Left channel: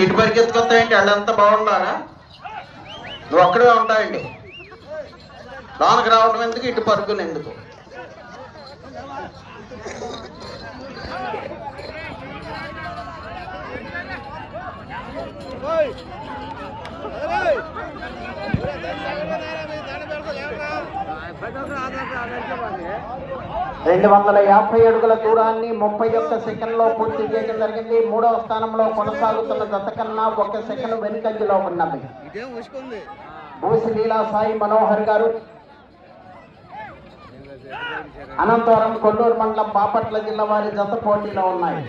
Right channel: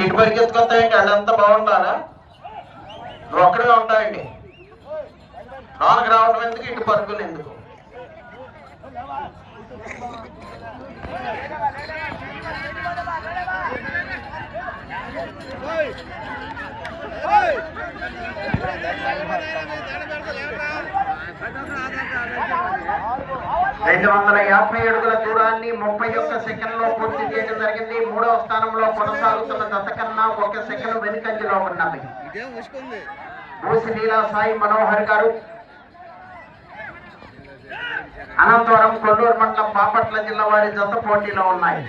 ఏంటి ఇటు పరిగెత్తుకొస్తాయండి? వాళ్ళంతా బాగుండాలా? నువ్వు అక్కడే ఉంటాయండి. లోనకి రావడం ఎందుకు, ఇటు పరుగులు ఎందుకు? రెండు 250 అడుగుల దూరాన్ని 31 సెకండ్లో పూర్తి చేయడం జరిగింది. మూడవ స్థానంలో కొనసాగుతున్న జత కన్నా 1 సెకండ్ వెనుకంజలో ఉన్నది. భూసి లీలా సాయి మనోహర్ గారు అనంతవరం కొల్లూరు మండలం బాపట్ల జిల్లా వారి జత పోటీలో ఉన్నాయి.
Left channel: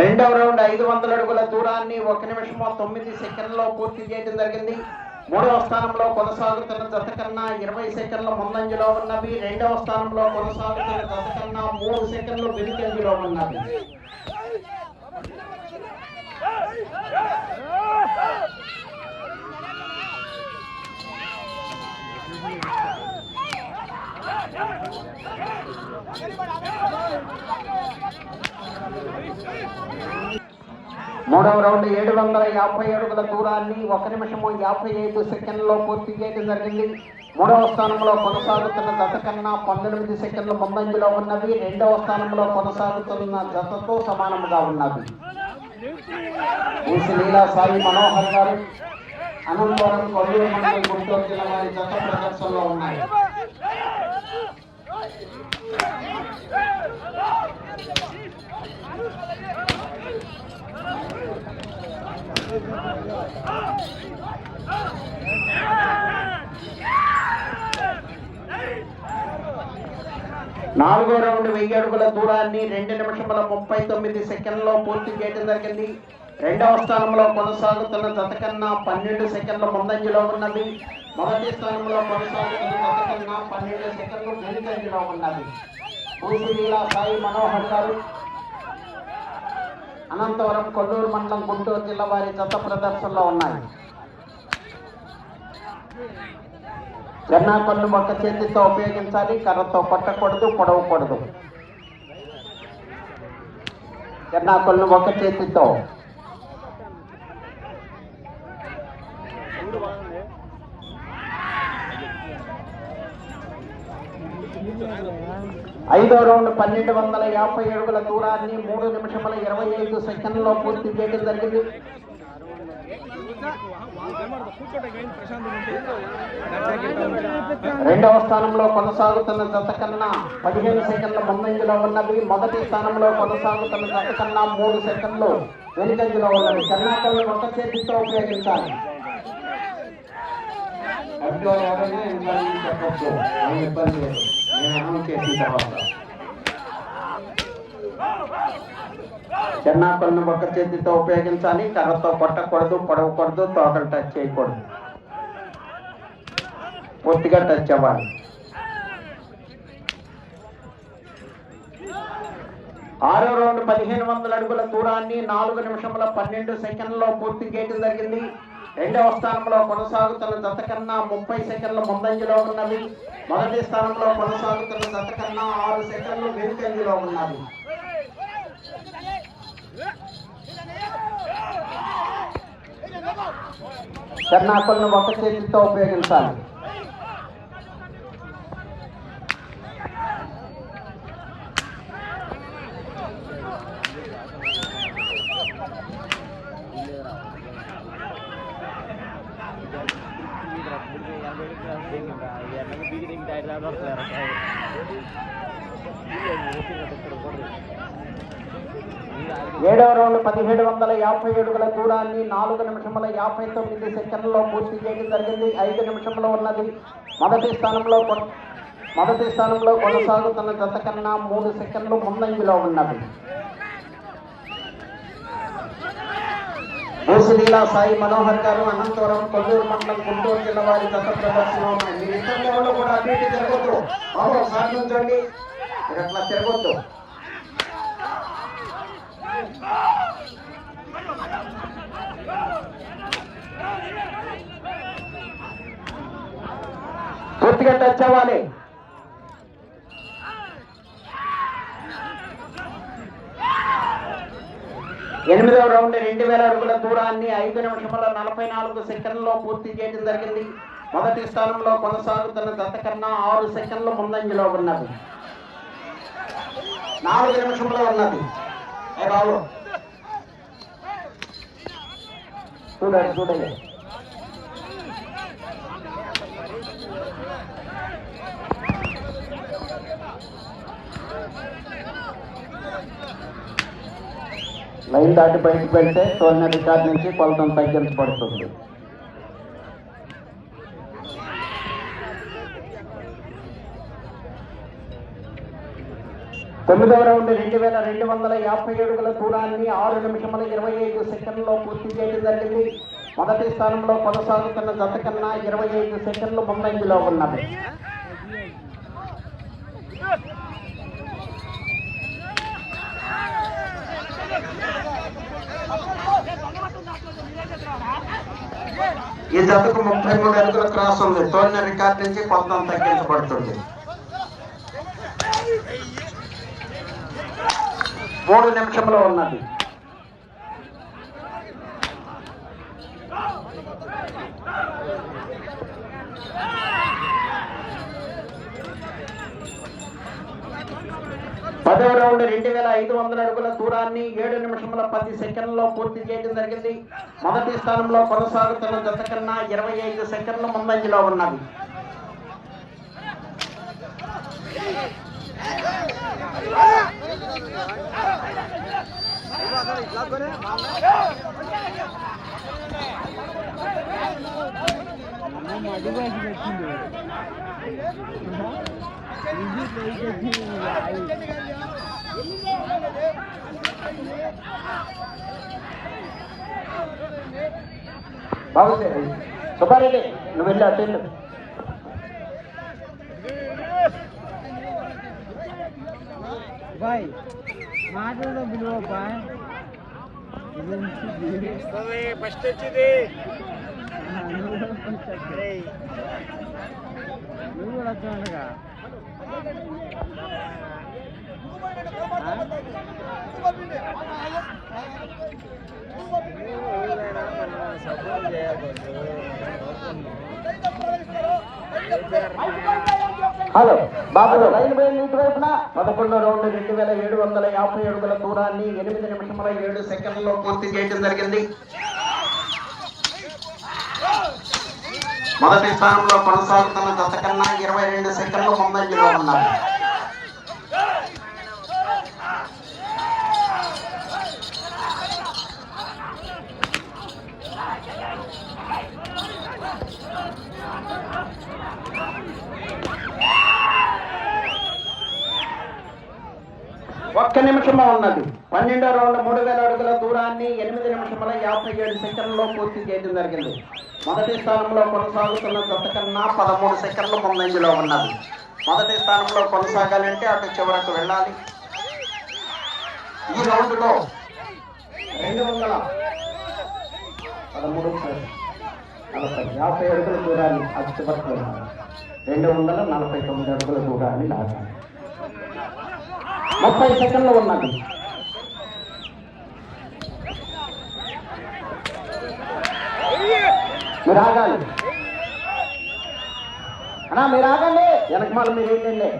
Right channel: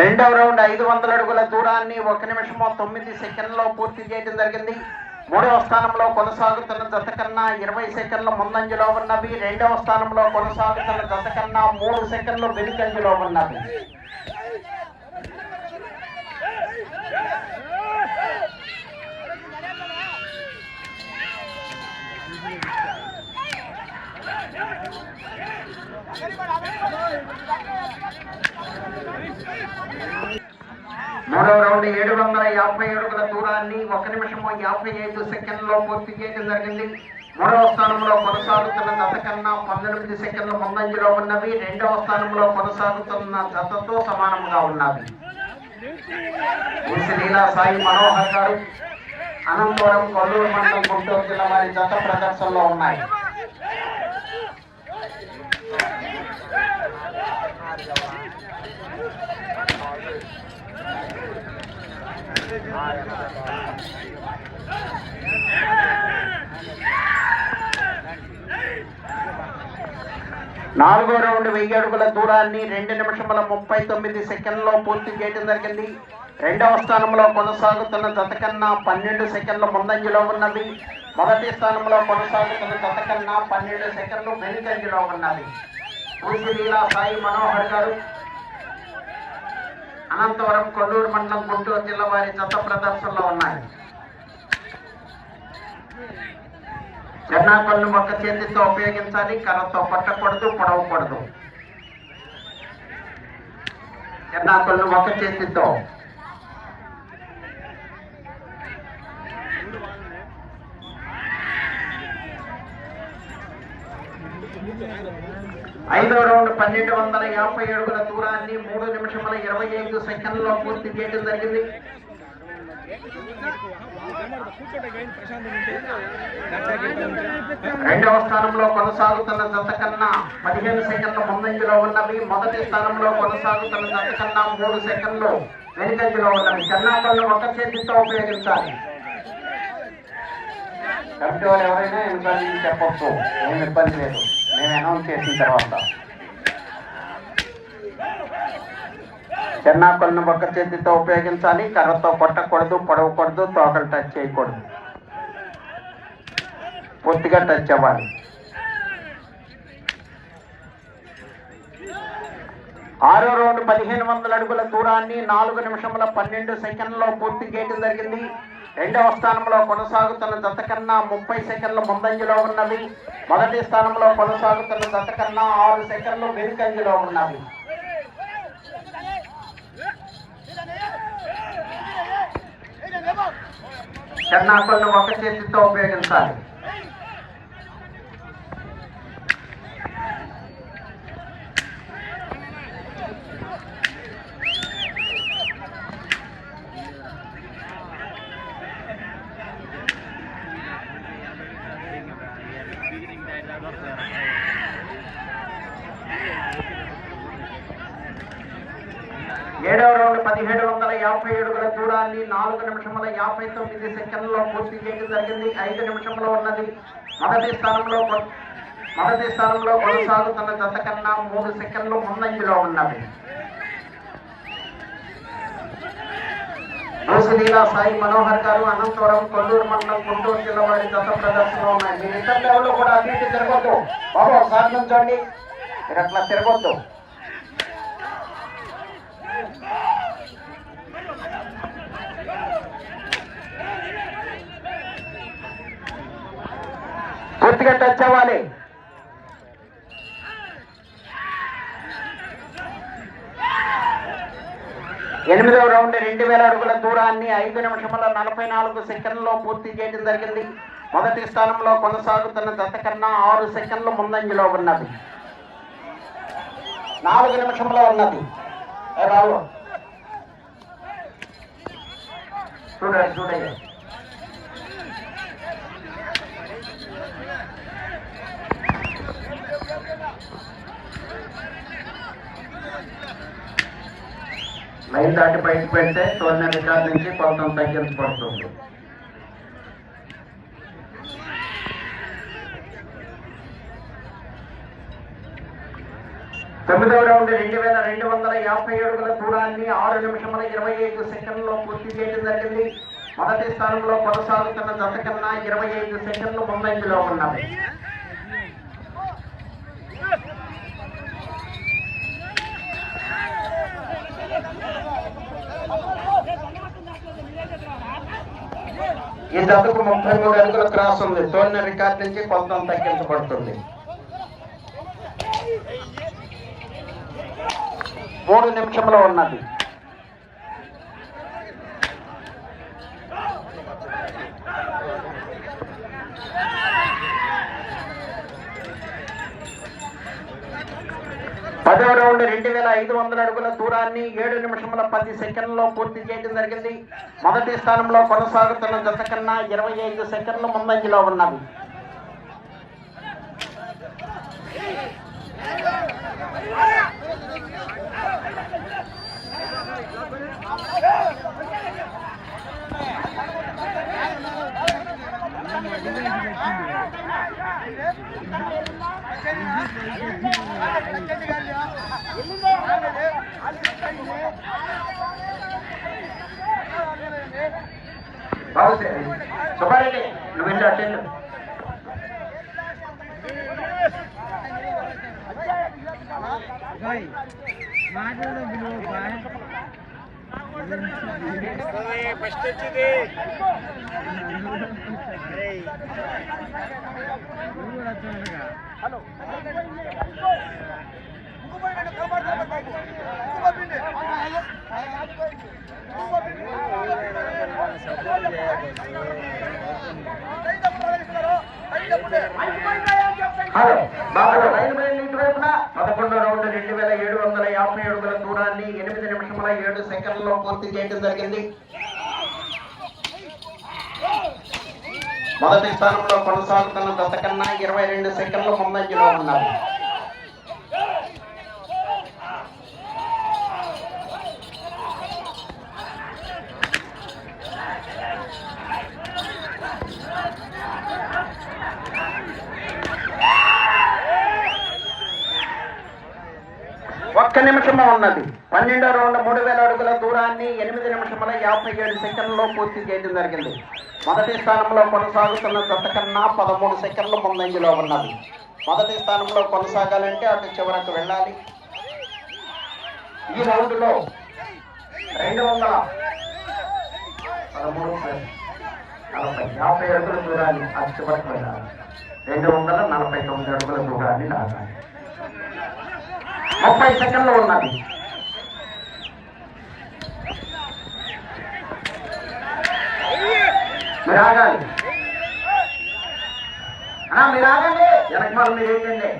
రెండవ రౌండ్ 500 అడుగుల దూరాన్ని 1 నిమిషం 9 సెకండ్లో పూర్తి చేయడం జరిగింది. మూడవ స్థానంలో కొనసాగుతున్న జత కన్నా 20 సెకండ్ల ముందంజలో ఉన్నవి. రెండవ స్థానంలో కొనసాగుతున్న జత కన్నా 3 సెకండ్లు వెనుకంజలో ఉన్నవి. మూడవ రౌండ్ 750 అడుగుల దూరాన్ని 1 నిమిషం 55 సెకండ్లో పూర్తి చేయడం జరిగింది. మూడవ స్థానంలో కొనసాగుతున్న జత కన్నా 19 సెకండ్ల ముందంజలో ఉన్నవి. రెండవ స్థానంలో కొనసాగుతున్న జతతో సమానంగా ఉన్నవి. భూసి లీలా సాయి మనోహర్ గారు అనంతవరం కొల్లూరు మండలం గుంటూరు జిల్లా వారి జత ప్రదర్శనలో ఉన్నాయి. నాలుగో రౌండ్ 1000 అడుగుల దూరాన్ని 2 నిమిషముల 39 సెకండ్లో పూర్తి చేయడం జరిగింది. రెండవ స్థానంలో కొనసాగుతున్న జత కన్నా 12 సెకండ్ల ముందంజలో ఉన్నది. మొదటి స్థానంలో కొనసాగుతున్న జత కన్నా 12 సెకండ్లు వెనుకంజలో ఉన్నది. భూసి లీలా సాయి మనోహర్ గారు అనంతవరం కొల్లూరు మండలం గుంటూరు జిల్లా వారి జత ప్రదర్శనలో ఉన్నాయి. జన్నాకొల్లు ఒక చేతితో ఉపయోగించాలి, కర్రతో కొట్టకూడదు, పొడవకూడదు. జన్నాకొల్లు ఒక చేతితో. ఐదో రౌండ్ 1250 అడుగుల దూరాన్ని 3 నిమిషముల 25 సెకండ్లో పూర్తి చేయడం జరిగింది. రెండవ స్థానంలో కొనసాగుతున్న జత కన్నా 15 సెకండ్ల ముందంజలో ఉన్నవి. మొదటి స్థానంలో కొనసాగుతున్న జత కన్నా 3 సెకండ్లు వెనుకంజలో ఉన్నవి. జన్నాకొల్లు ఒక చేతితో ఉపయోగించాలి. కమిటీ వాళ్ళు ఎవరైనా ఇబ్బంది చెప్పొచ్చు, ఏం ఇబ్బంది లేదు, నేను అనౌన్స్ చేసిన తర్వాత. జన్నాకొల్లు ఒక చేతితో ఉపయోగించాలి, కర్రతో కొట్టకూడదు, పొడవకూడదు, తోకలు టచ్ చేయకూడదు, పూర్తిగా టచ్ అవ్వాలి. ఆరో రౌండ్ 1500 అడుగుల దూరాన్ని 4 నిమిషముల 12 సెకండ్లో పూర్తి చేయడం జరిగింది. రెండవ స్థానంలో కొనసాగుతున్న జత కన్నా 30 సెకండ్ల ముందంజలో ఉన్నవి. మొదటి స్థానంలో కొనసాగుతున్న జత కన్నా 6 సెకండ్లు వెనుకంజలో ఉన్నవి. జన్నాకొల్లు ఒక చేతితో ఉపయోగించాలి. ఏడవ రౌండ్ 1750 అడుగుల దూరాన్ని 4 నిమిషముల 59 సెకండ్లో పూర్తి చేయడం జరిగింది. 5 నిమిషంలో ఉన్నది. మొదటి స్థానంలో కొనసాగుతున్న జత కన్నా 3 సెకండ్లు ముందంజలో ఉన్నవి. భూసి లీలా సాయి మనోహర్ గారు అనంతవరం కొల్లూరు మండలం గుంటూరు జిల్లా వారి జత ప్రదర్శనలో ఉన్నాయి. మీరు ఇతరులు ఎవరు కూడా అభివృద్ధి జరగద్దు, ఒకసారి నుంచండి. మీరు అట్లా తిరగొద్దు. పూర్తిగా టచ్ అవ్వాలి. ఎనిమిదవ రౌండ్ 2000 అడుగుల దూరాన్ని 5 నిమిషముల 44 సెకండ్లలో పూర్తి చేయడం జరిగింది. మొదటి స్థానంలో కొనసాగుతున్న జత కన్నా 6 సెకండ్లు ముందంజలో ఉన్నది. 4 నిమిషంలో ఉన్నది. రావు చూడండి. లైన్ దాటి బయటకు పెడితే టోర్నమెంట్ రికార్డ్ నుంచి కొంత తగ్గించబడుతుంది. తొమ్మిదవ రౌండ్ 2250 అడుగుల దూరాన్ని 6 నిమిషముల 25 సెకండ్లలో పూర్తి చేయడం జరిగింది. మొదటి స్థానంలో కొనసాగుతున్న జత కన్నా 25 సెకండ్లు ముందంజలో ఉన్నది. ఈ జతకు 33 అడుగుల క్రాస్ ఉంది. తోలిన రికార్డ్ నుంచి కొంత తగ్గించబడుతుంది. 3 నిమిషంలో ఉన్నది. పదవ రౌండ్ 2500 అడుగుల దూరాన్ని 7 నిమిషముల 10 సెకండ్లలో పూర్తి చేయడం జరిగింది. మొదటి స్థానంలో కొనసాగుతున్న జత కన్నా 25 సెకండ్ల ముందంజలో ఉన్నది. బాగుంది సుబ్బారెడ్డి, నువ్వు వెళ్ళి అటెండ్. బాయ్ మాటలు బిలువ బాయ్ ఫస్ట్ వచ్చింది. హలో హలో బాబు, లైన్ ఇటువైపున 11వ రౌండ్ 2750 అడుగుల దూరాన్ని 8 నిమిషముల 7 సెకండ్లలో పూర్తి చేయడం జరిగింది. మొదటి స్థానంలో కొనసాగుతున్న జత కన్నా 22 సెకండ్లు ముందంజలో ఉన్నది. ఒక్క నిమిషము ఉన్నది. 12వ రౌండ్ 3000 అడుగుల దూరాన్ని 8 నిమిషముల 57 సెకండ్లలో పూర్తి చేయడం జరిగింది. మొదటి స్థానంలో కొనసాగుతున్న జత కన్నా 13 సెకండ్లు ముందంజలో ఉన్నది. మొదటి స్థానంలో కొనసాగాలంటే అటు చివరకు వెళ్ళాలి. ఈ రౌండ్లో 213 అడుగుల దూరాన్ని అటు చివరకు వెళ్ళాలి. 249 అడుగుల దూరాన్ని లాగాలి. 30 సెకండ్లు ఉన్నది. మీరు ఆగాలి అన్నా, మీరు ఆగండి. వెనక మరి మీరు ఏంటండి?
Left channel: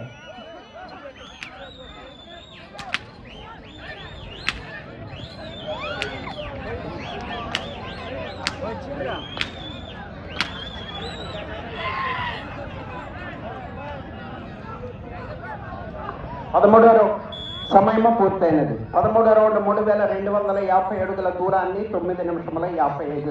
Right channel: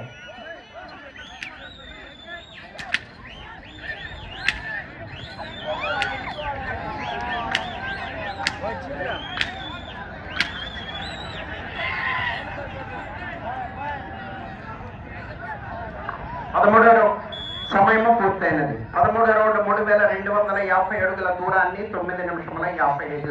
సమయము పూర్తయినది. 13వ రౌండ్ 3250 అడుగుల దూరాన్ని 9 నిమిషముల 55